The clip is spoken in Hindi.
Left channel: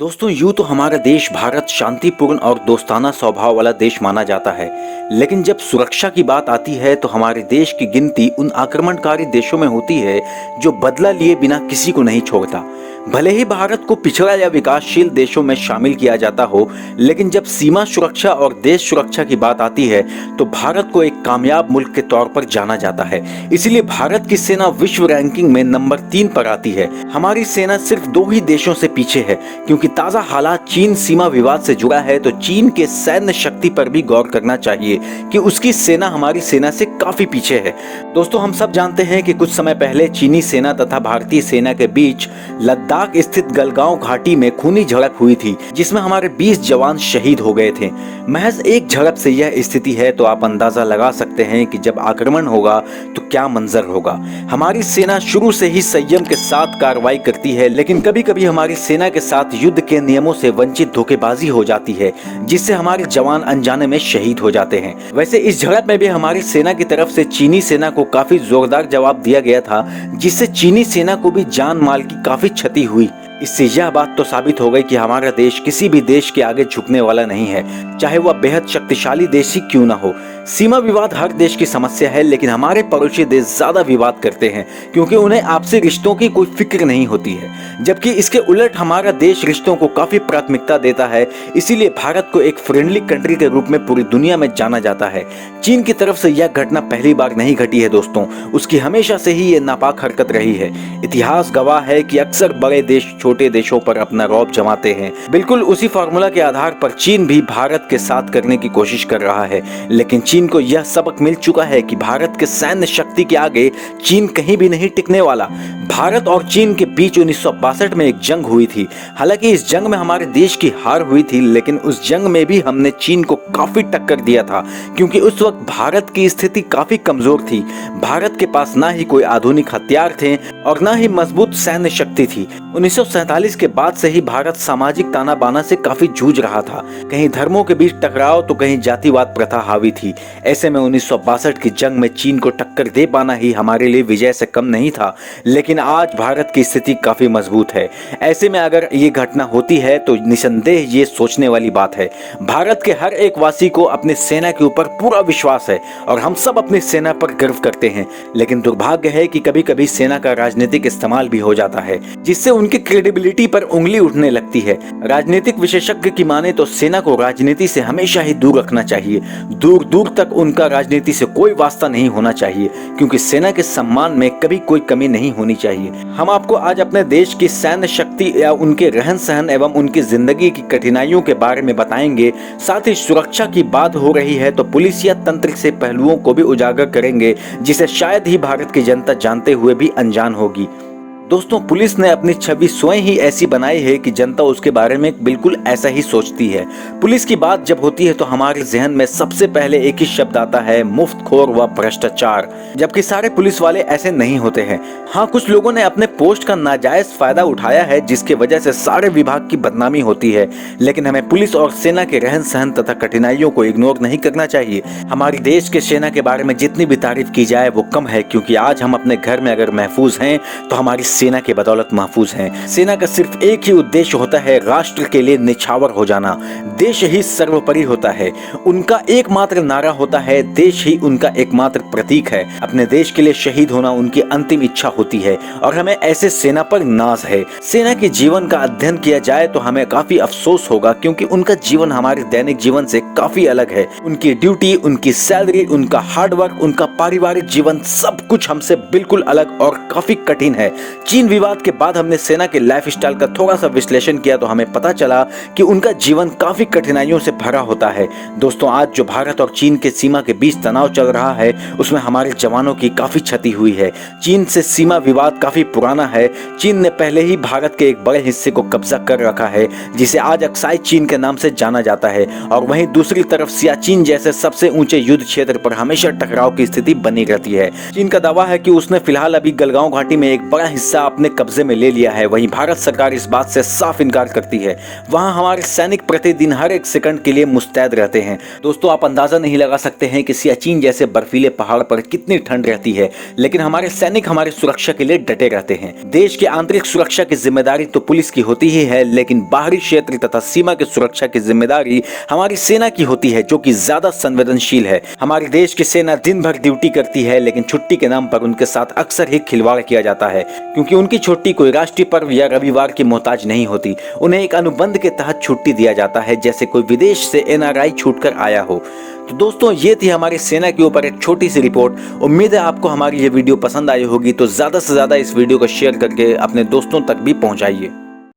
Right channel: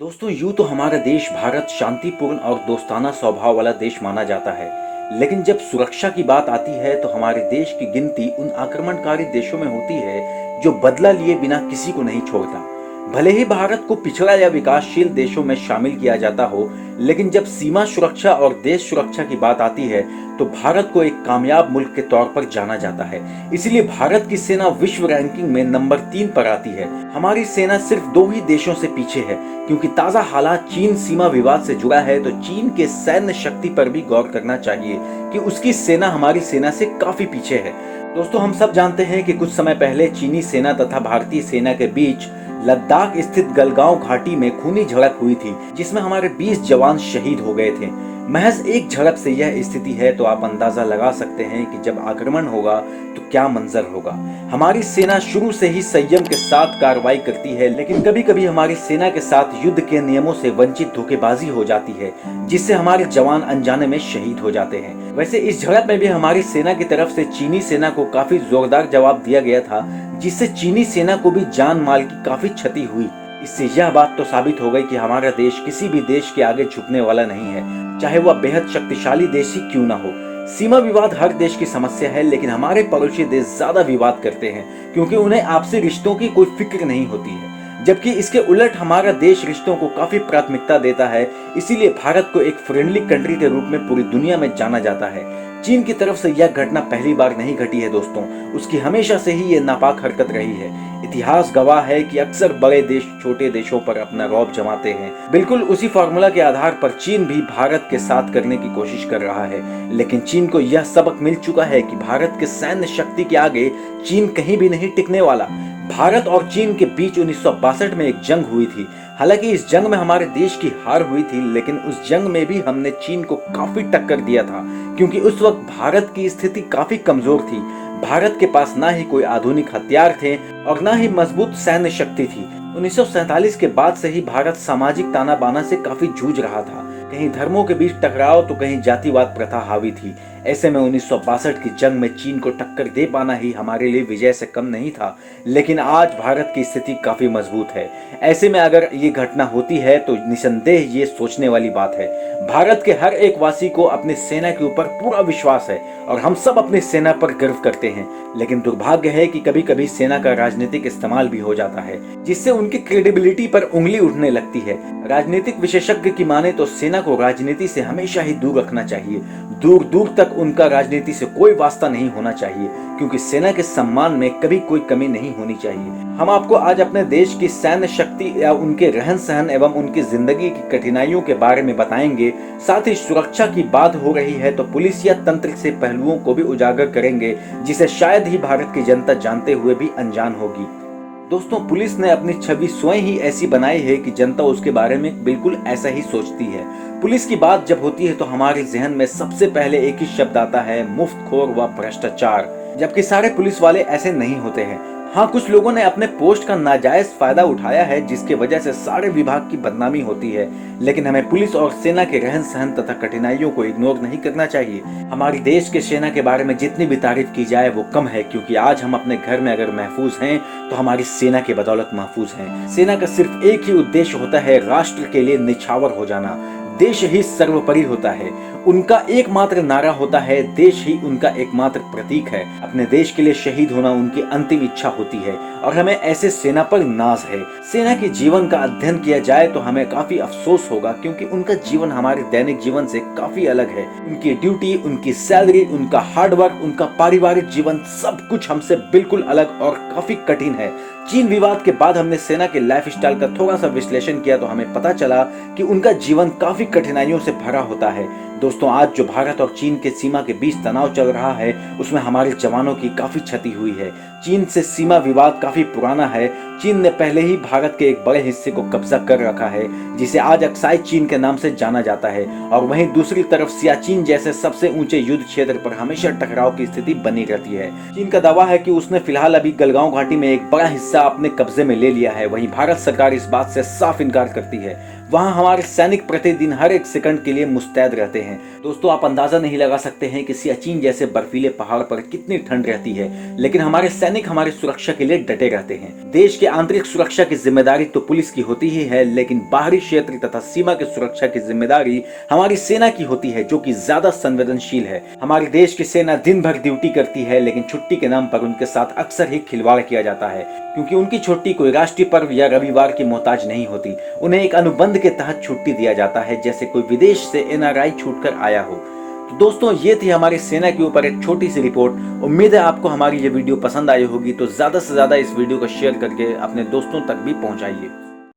दोस्तों यूं तो हमारा देश भारत शांतिपूर्ण और दोस्ताना स्वभाव वाला देश माना जाता है। लेकिन जब सुरक्षा की बात आती है तो हमारे देश की गिनती उन आक्रमणकारी देशों में होती है जो बदला लिए बिना किसी को नहीं छोड़ता। भले ही भारत को पिछड़ा या विकासशील देशों में शामिल किया जाता हो, लेकिन जब सीमा सुरक्षा और देश सुरक्षा की बात आती है तो भारत को एक कामयाब मुल्क के तौर पर जाना जाता है। इसीलिए भारत की सेना विश्व रैंकिंग में नंबर 3 पर आती है। हमारी सेना सिर्फ 2 ही देशों से पीछे है, क्योंकि ताजा हालात चीन सीमा विवाद से जुड़ा है तो चीन के सैन्य शक्ति पर भी गौर करना चाहिए कि उसकी सेना हमारी सेना से काफी पीछे है। दोस्तों हम सब जानते हैं कि कुछ समय पहले चीनी सेना तथा भारतीय सेना के बीच लद्दाख स्थित गलगांव घाटी में खूनी झड़प हुई थी, जिसमें हमारे 20 जवान शहीद हो गए थे। महज एक झड़प से यह स्थिति है तो आप अंदाजा लगा सकते हैं कि जब आक्रमण होगा तो क्या मंजर होगा। हमारी सेना शुरू से ही संयम के साथ कार्रवाई करती है, लेकिन कभी कभी हमारी सेना के साथ युद्ध के नियमों से वंचित धोखेबाजी हो जाती है, जिससे हमारे जवान अनजाने में शहीद हो जाते हैं। वैसे इस झड़प में भी हमारी सेना की तरफ से चीनी सेना को काफी जोरदार जवाब दिया गया था, जिससे चीनी सेना को भी जान माल की काफी क्षति हुई। इससे यह बात तो साबित हो गई कि हमारा देश किसी भी देश के आगे झुकने वाला नहीं है, चाहे वह बेहद शक्तिशाली देश ही क्यों ना हो। सीमा विवाद हर देश की समस्या है, लेकिन हमारे पड़ोसी देश ज्यादा विवाद करते हैं क्योंकि उन्हें आपसी रिश्तों की कोई फिक्र नहीं होती है, जबकि इसके उलट हमारा देश रिश्तों को काफी प्राथमिकता देता है। इसीलिए भारत को एक फ्रेंडली कंट्री के रूप में पूरी दुनिया में जाना जाता है। चीन की तरफ से यह घटना पहली बार नहीं घटी है दोस्तों, उसकी हमेशा से ही ये नापाक हरकत रही है। इतिहास गवाह है कि अक्सर बड़े देश छोटे देशों पर अपना रौब जमाते हैं। बिल्कुल उसी फार्मूला के आधार पर चीन भी भारत के साथ करने की कोशिश कर रहा है, लेकिन चीन को यह सबक मिल चुका है कि भारत के सैन्य शक्ति के आगे चीन कहीं भी नहीं टिकने वाला। भारत और चीन के बीच 1962 में एक जंग हुई थी। हालांकि इस जंग में हमारे देश की हार हुई थी, लेकिन उस जंग में भी हमने चीन को काफी टक्कर दिया था, क्योंकि उस वक्त भारत की स्थिति काफी कमजोर थी। भारत के पास ना ही कोई आधुनिक हथियार थे और ना ही मजबूत सैन्य शक्ति थी। 1947 के बाद से ही भारत सामाजिक ताना बाना से काफी जूझ रहा था। कहीं धर्मों के बीच टकराव तो कहीं जातिवाद प्रथा हावी थी। ऐसे में 1962 की जंग में चीन को टक्कर दे पाना ही हमारे लिए विजय से कम नहीं था। लेकिन आज भारत की स्थिति काफी मजबूत है। ऐसे में अगर ये घटना होती है तो निसंदेह ये सोचने वाली बात है। भारत के हर एक वासी को अपनी सेना के ऊपर पूरा विश्वास है और हम सब अपनी सेना पर गर्व करते हैं। लेकिन दुर्भाग्य है कि कभी कभी सेना का राजनीतिक इस्तेमाल भी हो जाता है, जिससे उनकी क्रेडिबिलिटी पर उंगली उठने लगती है। राजनीतिक विशेषज्ञ की माने तो सेना को राजनीति से हमेशा ही दूर रखना चाहिए। दूर दूर तक उनका राजनीति से कोई वास्ता नहीं होना चाहिए, क्योंकि सेना के सम्मान में कभी कोई कमी नहीं होनी चाहिए। हम आपको आज अपने देश की सैन्य शक्ति या उनके रहन सहन एवं उनकी जिंदगी की कठिनाइयों के बारे में बताएंगे। साथ ही सुरक्षा की बात हो रही है तो पुलिस या तंत्र से पहलुओं को भी उजागर करेंगे, जिसे शायद ही भारत की जनता जानते हुए भी अनजान होगी। दोस्तों पुलिस ने अपनी छवि स्वयं ही ऐसी बनाई है कि जनता उसके बारे में बिल्कुल ऐसा ही सोचती है। पुलिस की बात जब होती है तो हमारे जहन में सबसे पहले एक ही शब्द आता है, मुफ्तखोर व भ्रष्टाचार। जबकि सारे पुलिस वाले ऐसे नहीं होते हैं। हाँ, कुछ लोगों ने अपने पोस्ट का नाजायज फायदा उठाया है, जिसकी वजह से सारे विभाग की बदनामी होती है। लेकिन हमें पुलिस और सेना के रहन सहन तथा कठिनाइयों को इग्नोर नहीं करना चाहिए। हमारी देश के सेना के बारे में जितनी भी तारीफ की जाए वो कम है, क्योंकि आज हम अपने घर में अगर महफूज हैं तो हमारी सेना के बदौलत महफूज हैं। सेना का सिर्फ एक ही उद्देश्य होता है, राष्ट्र के लिए निछावर हो जाना। देश ही सर्वोपरि होता है। उनका एकमात्र नारा होता है, देश ही उनका एकमात्र प्रतीक है। अपने देश के लिए शहीद होना उनकी अंतिम इच्छा होती है और हमें ऐसे सेना पर नाज है। सेना के जीवन का अध्ययन किया जाए तो हमें काफी अफसोस होगा, क्योंकि उनका जीवन हमारे दैनिक जीवन से काफी अलग है। उनकी ड्यूटी, उनकी सैलरी, उनका हार्डवर्क, उनका पारिवारिक जीवन, सब कुछ हमसे बिल्कुल अलग और काफी कठिन है। चीन विवाद के बाद हमने सेना के लाइफस्टाइल का थोड़ा सा विश्लेषण किया तो हमें पता चला कि उनका जीवन काफी कठिनाइयों से भरा होता है। दोस्तों आज जो भारत और चीन के सीमा के बीच तनाव चल रहा है उसमें हमारे जवानों की काफी क्षति हुई है। चीन से सीमा विवाद काफी पुराना है। चीन ने पहले ही भारत के एक बड़े हिस्से को कब्जा कर रखा है, जिसे आज अक्साई चीन के नाम से जाना जाता है। और वहीं दूसरी तरफ सियाचिन जैसे सबसे ऊंचे युद्ध क्षेत्र पर हमेशा टकराव की स्थिति बनी रहती है। चीन का दावा है कि उसने फिलहाल अभी गलगांव घाटी में एक बड़ा हिस्सा हिस्सा अपने कब्जे में ले लिया है, वहीं भारत सरकार इस बात से साफ इनकार करती है। वहां हमारे सैनिक प्रतिदिन हर एक सेकंड के लिए मुस्तैद रहते हैं। दोस्तों, आप अंदाजा नहीं लगा सकते हैं कि सियाचिन जैसे बर्फीले पहाड़ पर कितनी ठंड रहती है, लेकिन हमारे सैनिक हमारी सुरक्षा के लिए डटे रहते हैं। देश की आंतरिक सुरक्षा की जिम्मेदारी तो पुलिस की होती ही है, लेकिन बाहरी क्षेत्र तथा सीमा की सुरक्षा की जिम्मेदारी हमारी सेना की होती है, जो कि ज्यादा संवेदनशील है। हमारे देश की सेना दिन भर ड्यूटी करती है, लेकिन छुट्टी के नाम पर उनके साथ अक्सर ही खिलवाड़ किया जाता है, क्योंकि उनकी छुट्टी कोई राष्ट्रीय पर्व या रविवार की मोहताज नहीं होती। उन्हें एक अनुबंध के तहत छुट्टी दिया जाता है, जैसे कोई विदेश से एनआरआई छूटकर आया हो। तो दोस्तों, ये थी हमारी सेना के ऊपर एक छोटी सी रिपोर्ट। उम्मीद है आपको हमारी ये वीडियो पसंद आई होगी, तो ज्यादा से ज्यादा इस वीडियो को शेयर करके अपने दोस्तों तक भी पहुंचाइए।